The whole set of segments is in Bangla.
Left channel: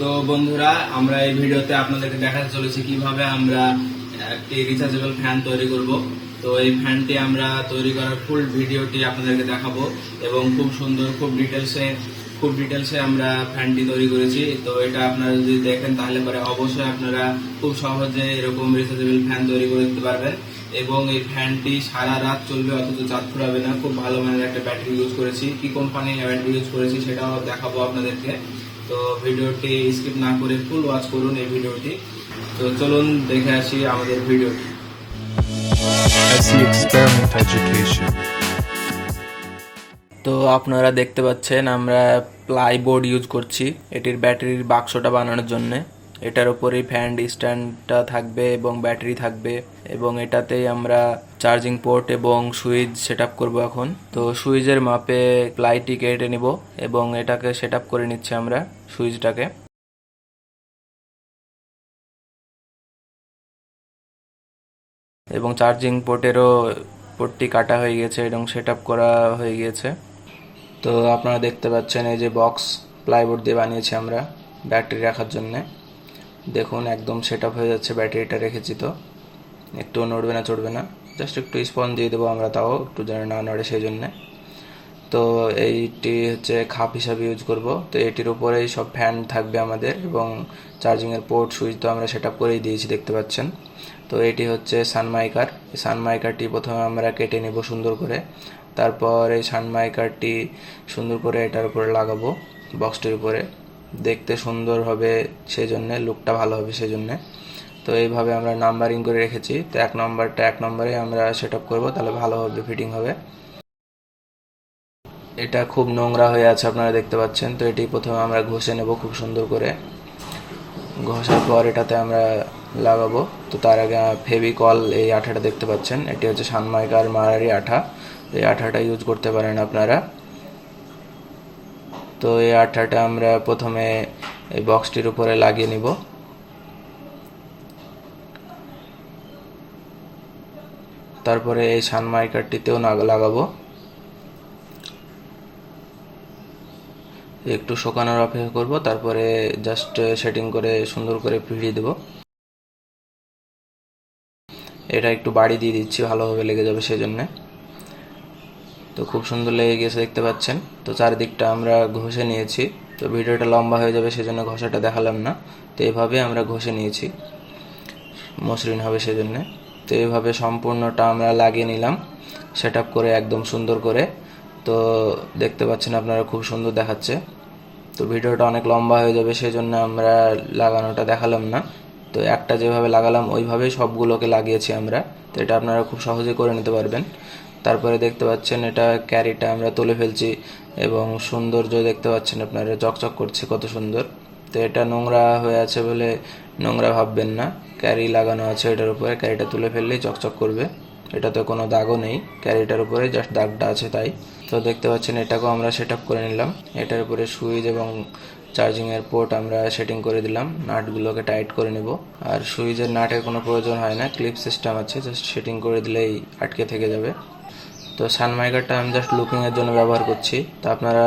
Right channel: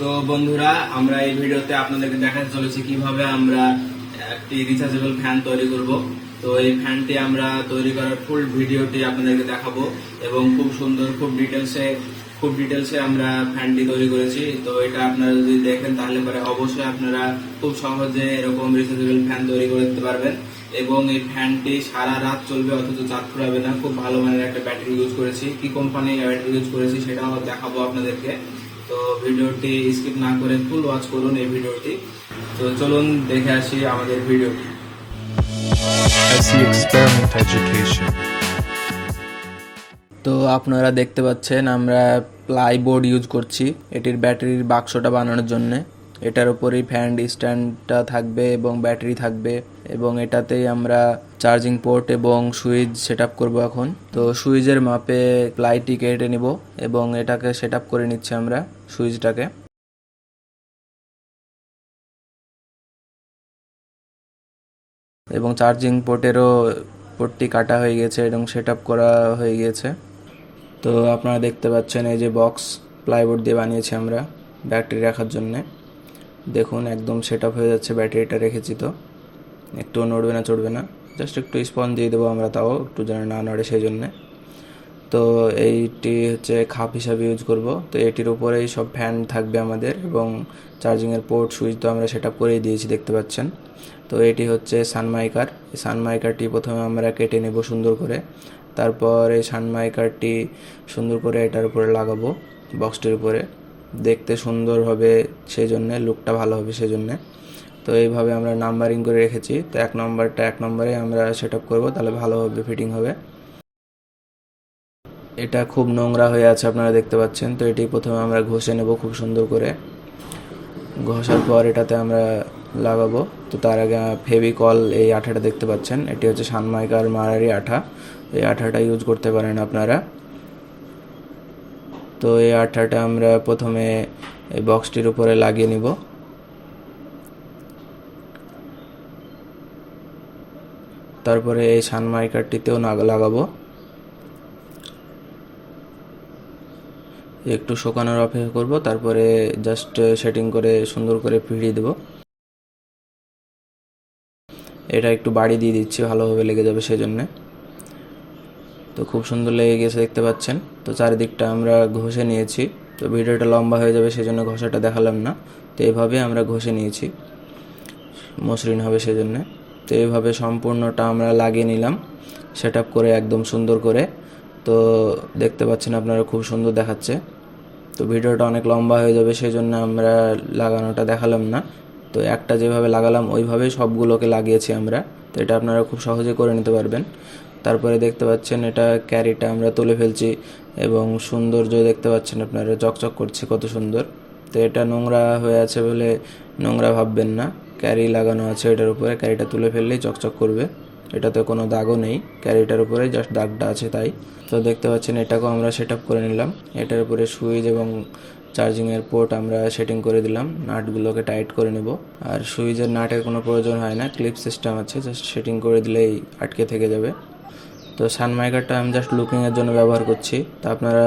তো বন্ধুরা, আমরা এই ভিডিওতে আপনাদেরকে দেখাতে চলেছি কিভাবে আমরা একটি রিচার্জেবল ফ্যান তৈরি করব। তো এই ফ্যানটি আমরা তৈরি করার ফুল ভিডিওটি আপনাদেরকে দেখাবো এবং খুব সুন্দর, খুব ডিটেলসে আমরা ফ্যানটি তৈরি করেছি। তো এটা আপনারা যদি দেখেন তাহলে পরে অবশ্যই আপনারা খুব সহজে এরকম রিচার্জেবল ফ্যান তৈরি করতে পারবেন এবং এই ফ্যানটি সারা রাত চলবে, অথচ চার্জ ফুরাবে না। খুব ভালো মানের একটা ব্যাটারি ইউজ করেছি। কি কোম্পানির ব্যাটারি ইউজ করেছি সেটাও দেখাবো আপনাদেরকে। তো ভিডিওটি স্কিপ না করে ফুল ওয়াচ করুন এই ভিডিওটি। তো চলুন দেখে আসি আমাদের ভিডিওটি। Experiment Education। তো আপনারা দেখতে পাচ্ছেন আমরা প্লাইবোর্ড ইউজ করছি এটির ব্যাটারির বাক্সটা বানানোর জন্য। এটার উপরেই ফ্যান স্ট্যান্ডটা থাকবে এবং ব্যাটারি থাকবে এবং এটাতেই আমরা চার্জিং পোর্ট এবং সুইচ সেট আপ করবো এখন। তো সুইচের মাপে প্লাইটি কেটে নিব এবং এটাকে সেট আপ করে নিচ্ছি আমরা সুইচটাকে। এবং চার্জিং পোর্টটি কাটা হয়ে গেছে এবং সেট আপ করা হয়ে গিয়েছে। তো আপনারা দেখতে পাচ্ছেন এই যে বক্স প্লাইবোর্ড দিয়ে বানিয়েছি আমরা ব্যাটারি রাখার জন্যে। দেখুন একদম সেট আপ হয়ে যাচ্ছে, ব্যাটারিটা রেখেছি। তো একটু নড়বে না, চড়বে না, জাস্ট একটু স্পঞ্জ দিয়ে দেবো আমরা, তাও একটু যেন না নড়ে সেই জন্যে। তো এইটি হচ্ছে খাপ হিসাবে ইউজ করব। তো এটির উপরেই সব ফ্যান থাকবে আমাদের এবং চার্জিংয়ের পোর্ট সুইচ তো আমরা সেট আপ করেই দিয়েছি, দেখতে পাচ্ছেন। তো এটি হচ্ছে সানমাইকার। এই সানমাইকারটি প্রথমে আমরা কেটে নেব সুন্দর করে, তারপর এই সানমাইকারটি সুন্দর করে এটার উপরে লাগাবো, বক্সটির উপরে। দেখতে সুন্দর হবে সেই জন্যে, লুকটা ভালো হবে সেই জন্যে। তো এইভাবে আমরা নাম্বারিং করে রেখেছি। তো এক নম্বরে আমরা সেট আপ করবো, তাহলে ভালোভাবে ফিটিং হবে। এটা খুব নোংরা হয়ে আছে আপনারা দেখতে পাচ্ছেন। তো এটি প্রথমে আমরা ঘষে নেব খুব সুন্দর করে। ঘষার পর এটাতে আমরা লাগাবো। তো তার আগে ফেভিকল, এই আঠাটা দেখতে পাচ্ছেন, এটি হচ্ছে সানমাইকার মারারি আঠা। এই আঠাটা ইউজ করতে পারেন আপনারা। তো এই আঠাটা আমরা প্রথমে এই বক্সটির উপরে লাগিয়ে নিব। তারপরে এই সানমাইকারটিতেও লাগাবো। একটু শুকানোর অপেক্ষা করব, তারপরে জাস্ট সেটিং করে সুন্দর করে ভিড়িয়ে দেব। এটা একটু বাড়ি দিয়ে দিচ্ছি, ভালোভাবে লেগে যাবে সেই জন্যে। তো খুব সুন্দর লেগে গেছে দেখতে পাচ্ছেন। তো চারিদিকটা আমরা ঘষে নিয়েছি। তো ভিডিওটা লম্বা হয়ে যাবে সেই জন্য ঘষাটা দেখালাম না। তো এইভাবে আমরা ঘষে নিয়েছি, মসৃণ হবে সেই জন্যে। তো এইভাবে সম্পূর্ণটা আমরা লাগিয়ে নিলাম সেট আপ করে একদম সুন্দর করে। তো দেখতে পাচ্ছেন আপনারা, খুব সুন্দর দেখাচ্ছে। তো ভিডিওটা অনেক লম্বা হয়ে যাবে সেই জন্য আমরা লাগানোটা দেখালাম না। তো একটা যেভাবে লাগালাম ওইভাবেই সবগুলোকে লাগিয়েছি আমরা। তো এটা আপনারা খুব সহজে করে নিতে পারবেন। তারপরে দেখতে পাচ্ছেন এটা ক্যারিটা আমরা তুলে ফেলছি এবং সৌন্দর্য দেখতে পাচ্ছেন আপনারা, চকচক করছে কত সুন্দর। তো এটা নোংরা হয়ে আছে বলে নোংরা ভাববেন না, ক্যারি লাগানো আছে এটার উপরে, ক্যারিটা তুলে ফেললেই চকচক করবে। এটা তো কোনো দাগও নেই, ক্যারিটার উপরে জাস্ট দাগটা আছে তাই। তো দেখতে পাচ্ছেন এটাকেও আমরা সেট আপ করে নিলাম। এটার উপরে সুইচ এবং চার্জিংয়ের পোর্ট আমরা সেটিং করে দিলাম, নাটগুলোকে টাইট করে নেব। আর সুইচের নাটের কোনো প্রয়োজন হয় না, ক্লিপ সিস্টেম আছে, জাস্ট সেটিং করে দিলেই আটকে থেকে যাবে। তো সানমাইকারটা আমি জাস্ট লুকিংয়ের জন্য ব্যবহার করছি। তো আপনারা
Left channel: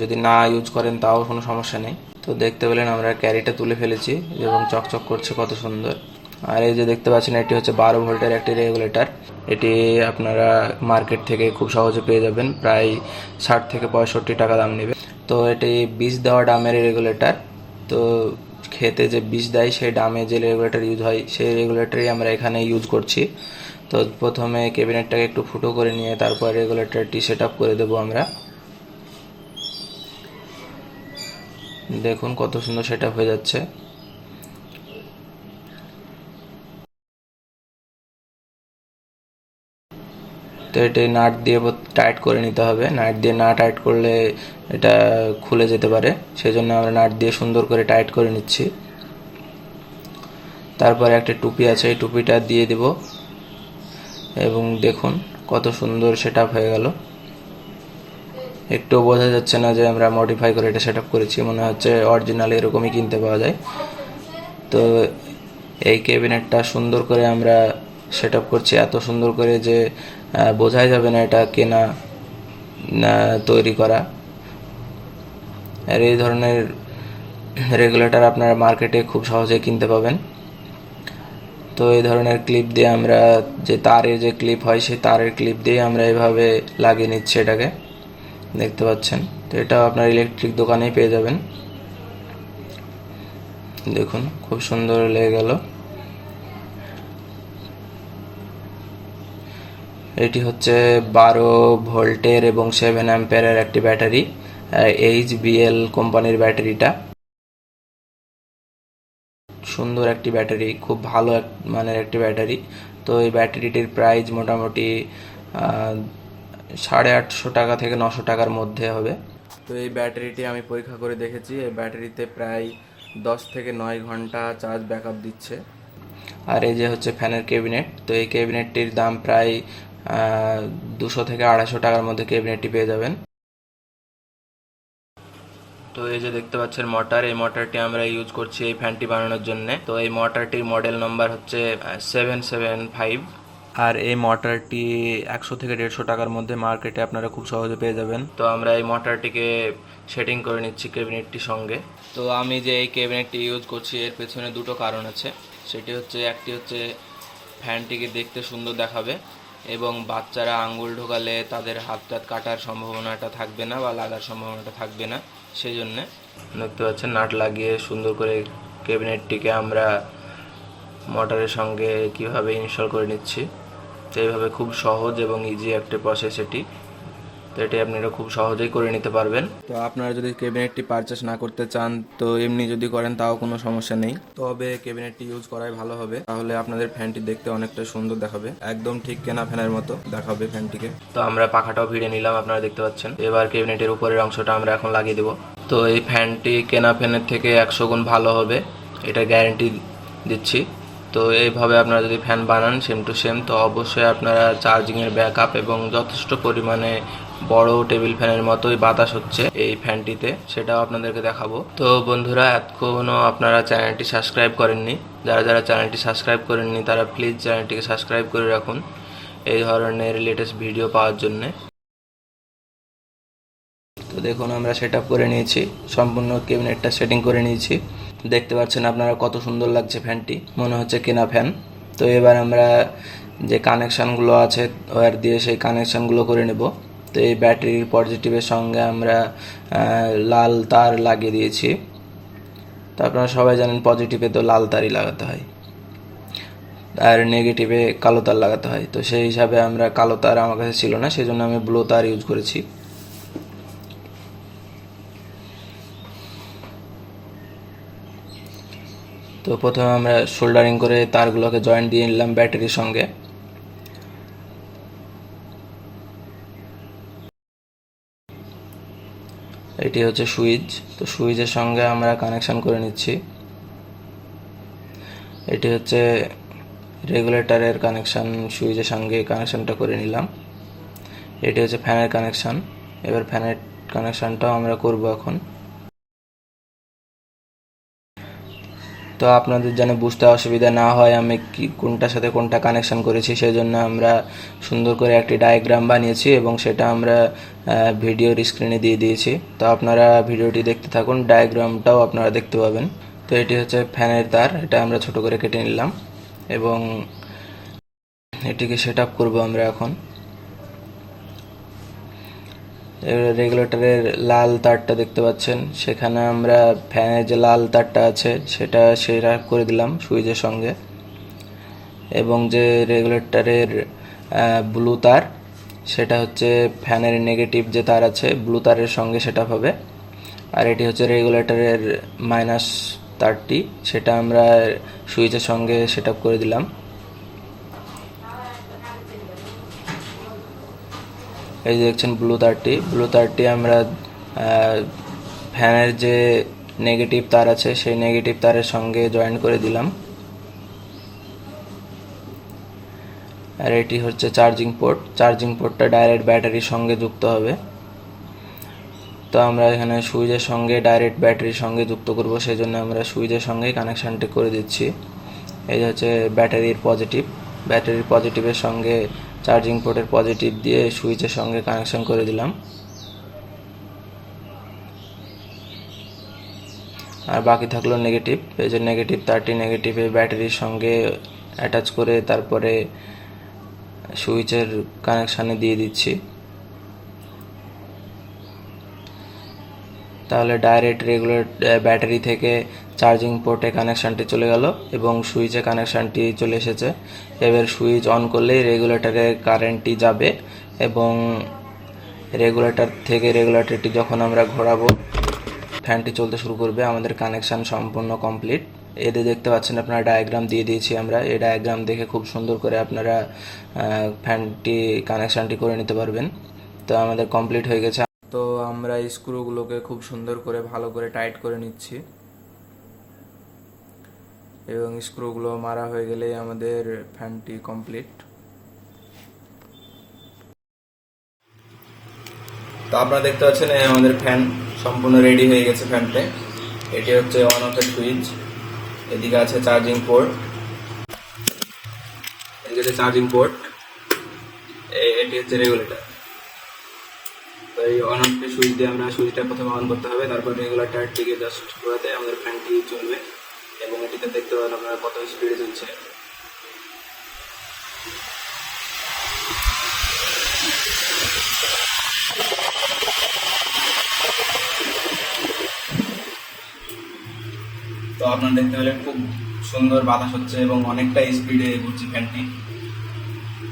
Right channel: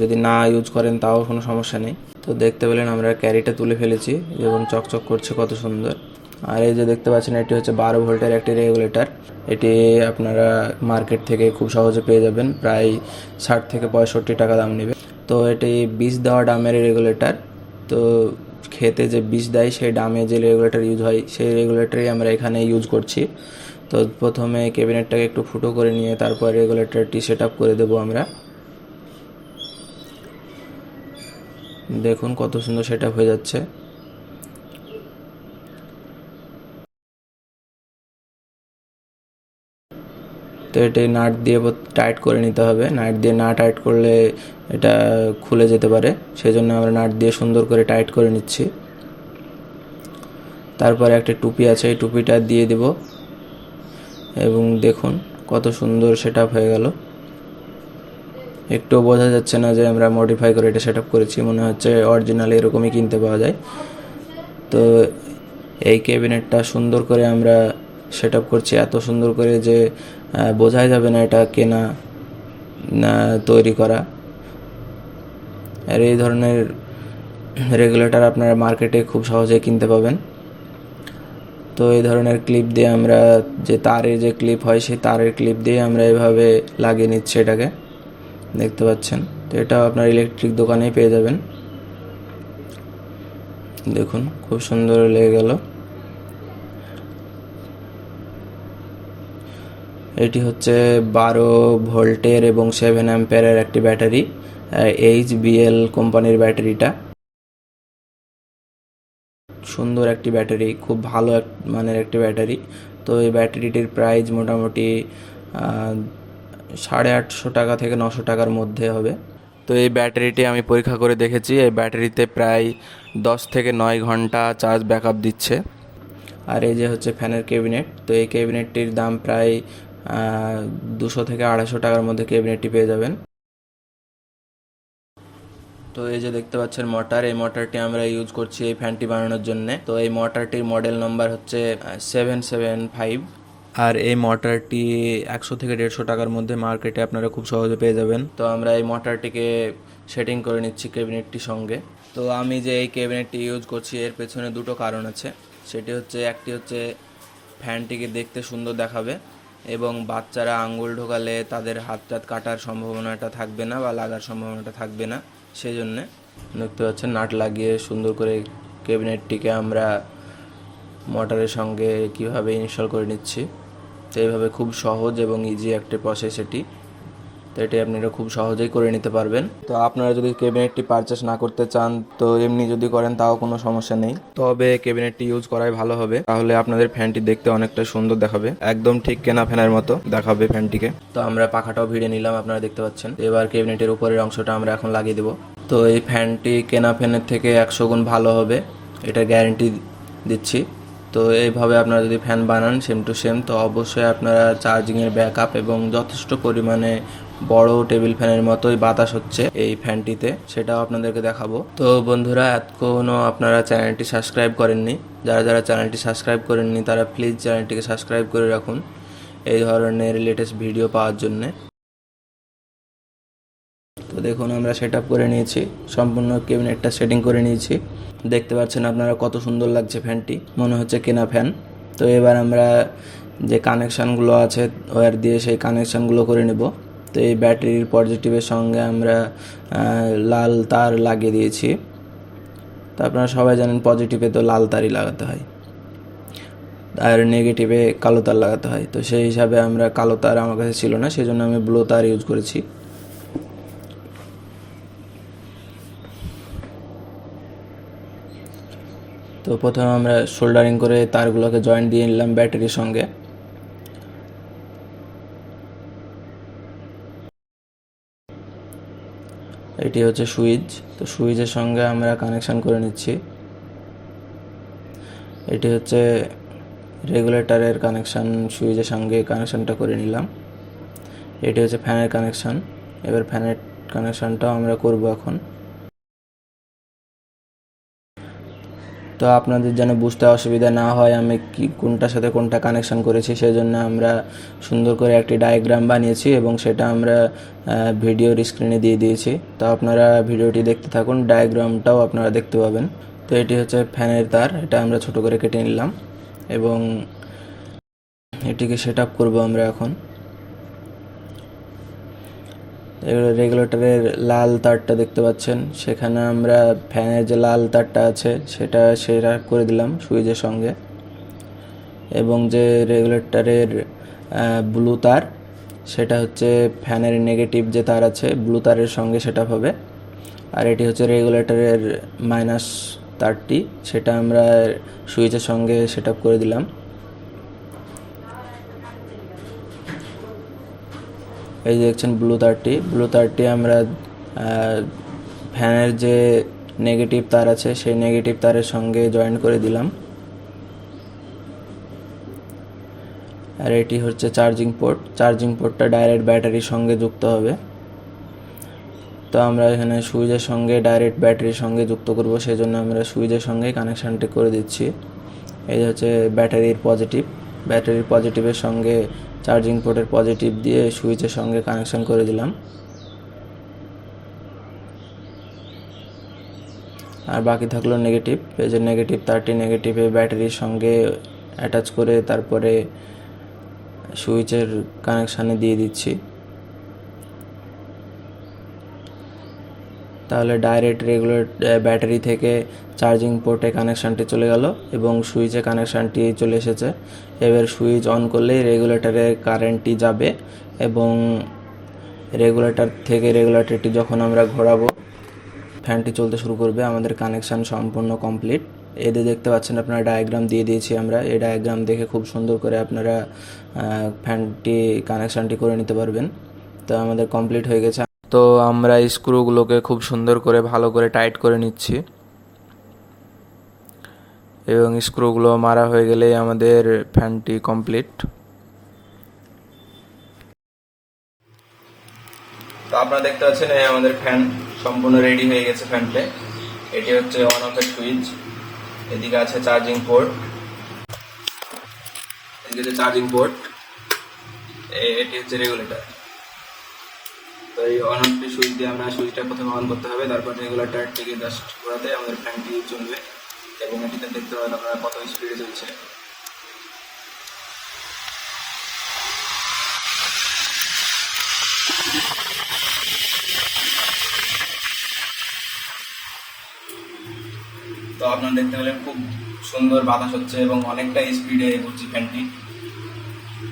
যদি না ইউজ করেন তাও কোনো সমস্যা নেই। তো দেখতে পেলেন আমরা ক্যারিটা তুলে ফেলেছি এবং চকচক করছে কত সুন্দর। আর এই যে দেখতে পাচ্ছেন এটি হচ্ছে 12 ভোল্টের একটি রেগুলেটর। এটি আপনারা মার্কেট থেকে খুব সহজে পেয়ে যাবেন, প্রায় 60 থেকে 65 টাকা দাম নেবে। তো এটি বীজ দেওয়া ডামের রেগুলেটর। তো খেতে যে বীজ দেয় সেই ডামে যে রেগুলেটর ইউজ হয় সেই রেগুলেটরই আমরা এখানে ইউজ করছি। তো প্রথমে ক্যাবিনেটটাকে একটু ফুটো করে নিয়ে তারপর রেগুলেটরটি সেট আপ করে দেবো আমরা। দেখুন কত সুন্দর সেট আপ হয়ে যাচ্ছে। তো এটি নাট দিয়ে টাইট করে নিতে হবে। নাট দিয়ে না টাইট করলে এটা খুলে যেতে পারে, সেই জন্য আমরা নাট দিয়ে সুন্দর করে টাইট করে নিচ্ছি। তারপরে একটা টুপি আছে, এই টুপিটা দিয়ে দেব এবং দেখুন কত সুন্দর সেট আপ হয়ে গেল। একটু বোঝা যাচ্ছে না যে আমরা মডিফাই করে এটা সেট আপ করেছি, মনে হচ্ছে অরিজিনাল এরকমই কিনতে পাওয়া যায়। তো এই ক্যাবিনেটটা সুন্দর করে আমরা সেট আপ করছি, এত সুন্দর করে যে বোঝাই যাবে না এটা কেনা তৈরি করা। আর এই ধরনের রেগুলেটর আপনারা মার্কেটে খুব সহজেই কিনতে পাবেন। তো এই ধরনের ক্লিপ দিয়ে আমরা, যে তারের যে ক্লিপ হয় সেই তারের ক্লিপ দিয়ে আমরা এভাবে লাগিয়ে নিচ্ছি এটাকে, দেখতে পাচ্ছেন। তো এটাও আপনার ইলেকট্রিক দোকানেই পেয়ে যাবেন। দেখুন খুব সুন্দর লেগে গেল। এটি হচ্ছে 12 ভোল্টের এবং 7 অ্যাম্পিয়ারের একটি ব্যাটারি, HBL কোম্পানির ব্যাটারিটা। সুন্দর একটি ব্যাটারি, খুব ভালো মানের একটি ব্যাটারি। তো এই ব্যাটারিটির প্রাইস মোটামুটি 850 টাকা থেকে 900 টাকার মধ্যে হবে। তো এই ব্যাটারিটি আমি পরীক্ষা করে দেখেছি, এই ব্যাটারিতে প্রায় 10 থেকে 9 ঘন্টা চার্জ ব্যাকআপ দিচ্ছে। আর এই যে হচ্ছে ফ্যানের ক্যাবিনেট, তো এই ক্যাবিনেটটির দাম প্রায় 200 থেকে 250 টাকার মধ্যে ক্যাবিনেটটি পেয়ে যাবেন। তো এই যে দেখতে পাচ্ছেন মোটর, এই মোটরটি আমরা ইউজ করছি এই ফ্যানটি বানানোর জন্য। তো এই মোটরটির মডেল নাম্বার হচ্ছে 775। আর এই মোটরটি 100 থেকে 150 টাকার মধ্যে মার্কেটে আপনারা খুব সহজে পেয়ে যাবেন। তো আমরা এই মোটরটিকে সেটিং করে নিচ্ছি ক্যাবিনেটটির সঙ্গে। তো আমি যে এই ক্যাবিনেটটি ইউজ করছি এর পেছনে দুটো কারণ আছে। সেটি হচ্ছে, একটি হচ্ছে ফ্যানটিকে দেখতে সুন্দর দেখাবে এবং বাচ্চারা আঙ্গুল ঢোকালে তাদের হাত টাত কাটার সম্ভাবনাটা থাকবে না বা লাগার সম্ভাবনাটা থাকবে না। সেই জন্যে দেখতে পাচ্ছেন নাট লাগিয়ে সুন্দর করে ক্যাবিনেটটিকে আমরা মোটরের সঙ্গে কিভাবে ইনস্টল করে নিচ্ছি। তো এইভাবে খুব সহজ এবং ইজি একটা প্রসেস এটি। তো এটি আপনারা খুব সহজেই করে নিতে পারবেন। তো আপনারা যদি ক্যাবিনেটটি পারচেস না করতে চান, তো এমনি যদি করেন তাও কোনো সমস্যা নেই, তবে ক্যাবিনেটটি ইউজ করাই ভালো হবে। তাহলে আপনাদের ফ্যানটি দেখতে অনেকটা সুন্দর দেখাবে, একদম ঠিক কেনা ফ্যানের মতো দেখাবে ফ্যানটিকে। তো আমরা পাখাটাও ভিড়ে নিলাম, আপনারা দেখতে পাচ্ছেন। এবার ক্যাবিনেটের উপরের অংশটা আমরা এখন লাগিয়ে দেবো। তো এই ফ্যানটি কেনা ফ্যানের থেকে 100 গুণ ভালো হবে, এটা গ্যারেন্টি দিচ্ছি। তো এইভাবে আপনারা যদি ফ্যান বানান সেম টু সেম, তো অবশ্যই আপনারা চার্জিংয়ের ব্যাকআপ এবং যথেষ্ট পরিমাণে বড় টেবিল ফ্যানের মতোই বাতাস হচ্ছে এই ফ্যানটিতে, সেটাও আপনাদেরকে দেখাবো। তো বন্ধুরা, এতক্ষণও আপনারা চ্যানেলটি সাবস্ক্রাইব করেননি, যারা যারা চ্যানেলটি সাবস্ক্রাইব করেননি তারা প্লিজ চ্যানেলটিকে সাবস্ক্রাইব করে রাখুন এই ধরনের লেটেস্ট ভিডিও পাওয়ার জন্যে। তো দেখুন আমরা সেট আপ করে নিয়েছি, সম্পূর্ণ ক্যাবিনেটটা সেটিং করে নিয়েছি। দেখতে পাচ্ছেন আপনারা কত সুন্দর লাগছে ফ্যানটি, মনে হচ্ছে কেনা ফ্যান। তো এবার আমরা যে কানেকশানগুলো আছে ওয়্যার দিয়ে সেই কানেকশানগুলো করে নেব। তো এই ব্যাটারির পজিটিভের সঙ্গে আমরা লাল তার লাগিয়ে দিয়েছি। তো আপনারা সবাই জানেন পজিটিভে তো লাল তারই লাগাতে হয় আর নেগেটিভে কালো তার লাগাতে হয়। তো সেই হিসাবে আমরা কালো তার আমার কাছে ছিল না, সেই জন্য আমি ব্লু তার ইউজ করেছি। তো প্রথমে আমরা সোল্ডারিং করে তারগুলোকে জয়েন্ট দিয়ে নিলাম ব্যাটারির সঙ্গে। এটি হচ্ছে সুইচ, তো সুইচের সঙ্গে আমরা কানেকশান করে নিচ্ছি। এটি হচ্ছে রেগুলেটরের কানেকশান, সুইচের সঙ্গে কানেকশানটা করে নিলাম। এটি হচ্ছে ফ্যানের কানেকশান, এবার ফ্যানের কানেকশানটাও আমরা করব এখন। তো আপনাদের যেন বুঝতে অসুবিধা না হয় আমি কোনটার সাথে কোনটা কানেকশান করেছি, সেই জন্য আমরা সুন্দর করে একটি ডায়াগ্রাম বানিয়েছি এবং সেটা আমরা ভিডিওর স্ক্রিনে দিয়ে দিয়েছি। তো আপনারা ভিডিওটি দেখতে থাকুন, ডায়াগ্রামটাও আপনারা দেখতে পাবেন। তো এটি হচ্ছে ফ্যানের তার, এটা আমরা ছোট করে কেটে নিলাম এবং এটিকে সেট আপ করবো আমরা এখন। রেগুলেটরের লাল তারটা দেখতে পাচ্ছেন, সেখানে আমরা ফ্যানের যে লাল তারটা আছে সেটা সেট করে দিলাম সুইচের সঙ্গে। এবং যে রেগুলেটরের ব্লু তার, সেটা হচ্ছে ফ্যানের নেগেটিভ যে তার আছে ব্লু তারের সঙ্গে সেট আপ হবে। আর এটি হচ্ছে রেগুলেটরের মাইনাস তারটি, সেটা আমরা সুইচের সঙ্গে সেট আপ করে দিলাম। এই যে দেখছেন ব্লু তারটি আমরা ফ্যানের যে নেগেটিভ তার আছে সেই নেগেটিভ তারের সঙ্গে জয়েন করে দিলাম। আর এটি হচ্ছে চার্জিং পোর্টটা ডাইরেক্ট ব্যাটারির সঙ্গে যুক্ত হবে। তো আমরা এখানে সুইচের সঙ্গে ডাইরেক্ট ব্যাটারির সঙ্গে যুক্ত করব, সেই জন্য আমরা সুইচের সঙ্গেই কানেকশানটি করে দিচ্ছি। এই হচ্ছে ব্যাটারির পজিটিভের সঙ্গে চার্জিং পোর্টের পজিটিভ দিয়ে সুইচের সঙ্গে কানেকশান করে দিলাম। আর বাকি থাকলো নেগেটিভ। এই যে নেগেটিভ তারটি নেগেটিভে ব্যাটারির সঙ্গে অ্যাটাচ করে তারপরে সুইচের কানেকশানে দিয়ে দিচ্ছি। তাহলে ডাইরেক্ট রেগুলার ব্যাটারি থেকে চার্জিং পোর্টে কানেকশানটি চলে গেল এবং সুইচে কানেকশানটি চলে এসেছে। এবার সুইচ অন করলেই রেগুলেটরে কারেন্টটি যাবে এবং রেগুলেটরটি যখন আমরা ঘোরাবো ফ্যানটি চলতে শুরু করবে। আমাদের কানেকশান সম্পূর্ণ কমপ্লিট। এতে দেখতে পাচ্ছেন আপনারা ডায়াগ্রাম দিয়ে দিয়েছি আমরা। এই ডায়াগ্রাম দেখে খুব সুন্দর করে আপনারা ফ্যানটি কানেকশানটি করে নিতে পারবেন। তো আমাদের কমপ্লিট হয়ে গেছে। তো আমরা স্ক্রুগুলোকে খুব সুন্দর করে ভালো করে টাইট করে নিচ্ছি এবং স্ক্রুগুলো মারা হয়ে গেলেই আমাদের ফ্যানটি কমপ্লিট। তো আপনারা দেখতে পাচ্ছেন এই আমাদের ফ্যান সম্পূর্ণ রেডি হয়ে গেছে। ফ্যানটা এটি হচ্ছে অন অফের সুইচ, এদিকে আছে চার্জিং পোর্ট, এদিকে আছে চার্জিং পোর্ট, এটি হচ্ছে রেগুলেটর। তো এই অন অফ সুইচ দিয়ে আমরা সুইচটা প্রথমে অন করতে হবে, তারপর রেগুলেটরটিকে জাস্ট ঘোরাতে আমাদের ফ্যানটি চলবে এবং এটিতে দেখতে পাবেন আপনারা কত স্পিডে চলছে। তো আপনারা দেখতে পেলেন খুব সুন্দর বাতাস হচ্ছে এবং অনেকটা স্পিডে ঘুরছে ফ্যানটি।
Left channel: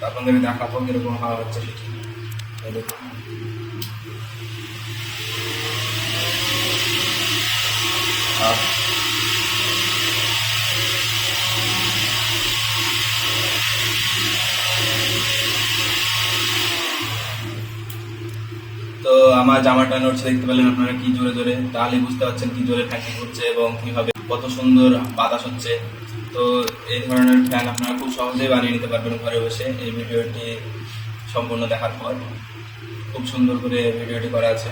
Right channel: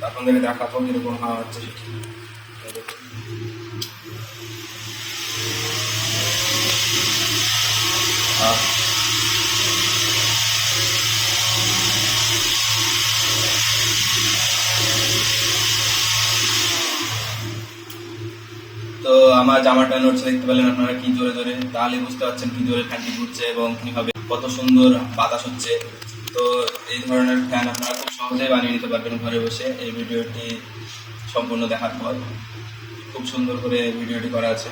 আপনাদেরকে দেখাবো কিরকম হাওয়া হচ্ছে সেটি। তো আমার জামাটা নড়ছে দেখতে পেলেন আপনারা কি জোরে জোরে, তাহলে বুঝতে পারছেন কি জোরে ফ্যানটি ঘুরছে এবং কিভাবে কত সুন্দর বাতাস হচ্ছে। তো এই ধরনের ফ্যান আপনারা খুব সহজেই বানিয়ে নিতে পারবেন ঘরে বসে। এই ভিডিওটি সম্পূর্ণ দেখার পর খুব সুন্দর করে ভিডিওটি করা আছে।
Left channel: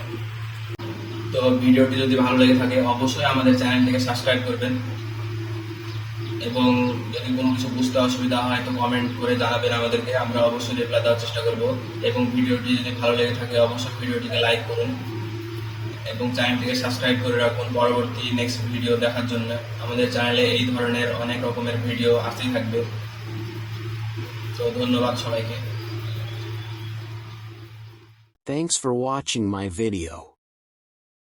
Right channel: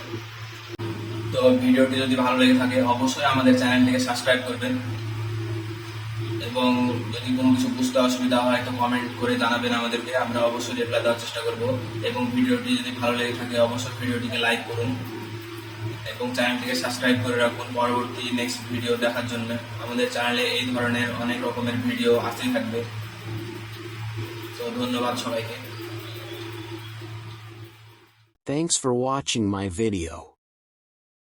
তো ভিডিওটি যদি ভালো লেগে থাকে অবশ্যই আমাদের চ্যানেলটিকে সাবস্ক্রাইব করবেন এবং যদি কোনো কিছু বুঝতে অসুবিধা হয় তো কমেন্ট করে জানাবেন আমাদেরকে, আমরা অবশ্যই রিপ্লাই দেওয়ার চেষ্টা করব। এবং ভিডিওটি যদি ভালো লেগে থাকে অবশ্যই ভিডিওটিকে লাইক করুন এবং চ্যানেলটিকে সাবস্ক্রাইব করে রাখুন পরবর্তী নেক্সট ভিডিও দেখার জন্য। আমাদের চ্যানেলে এই ধরনের অনেক রকমের ভিডিও আসতেই থাকবে। তো ধন্যবাদ সবাইকে। Thanks for watching my video.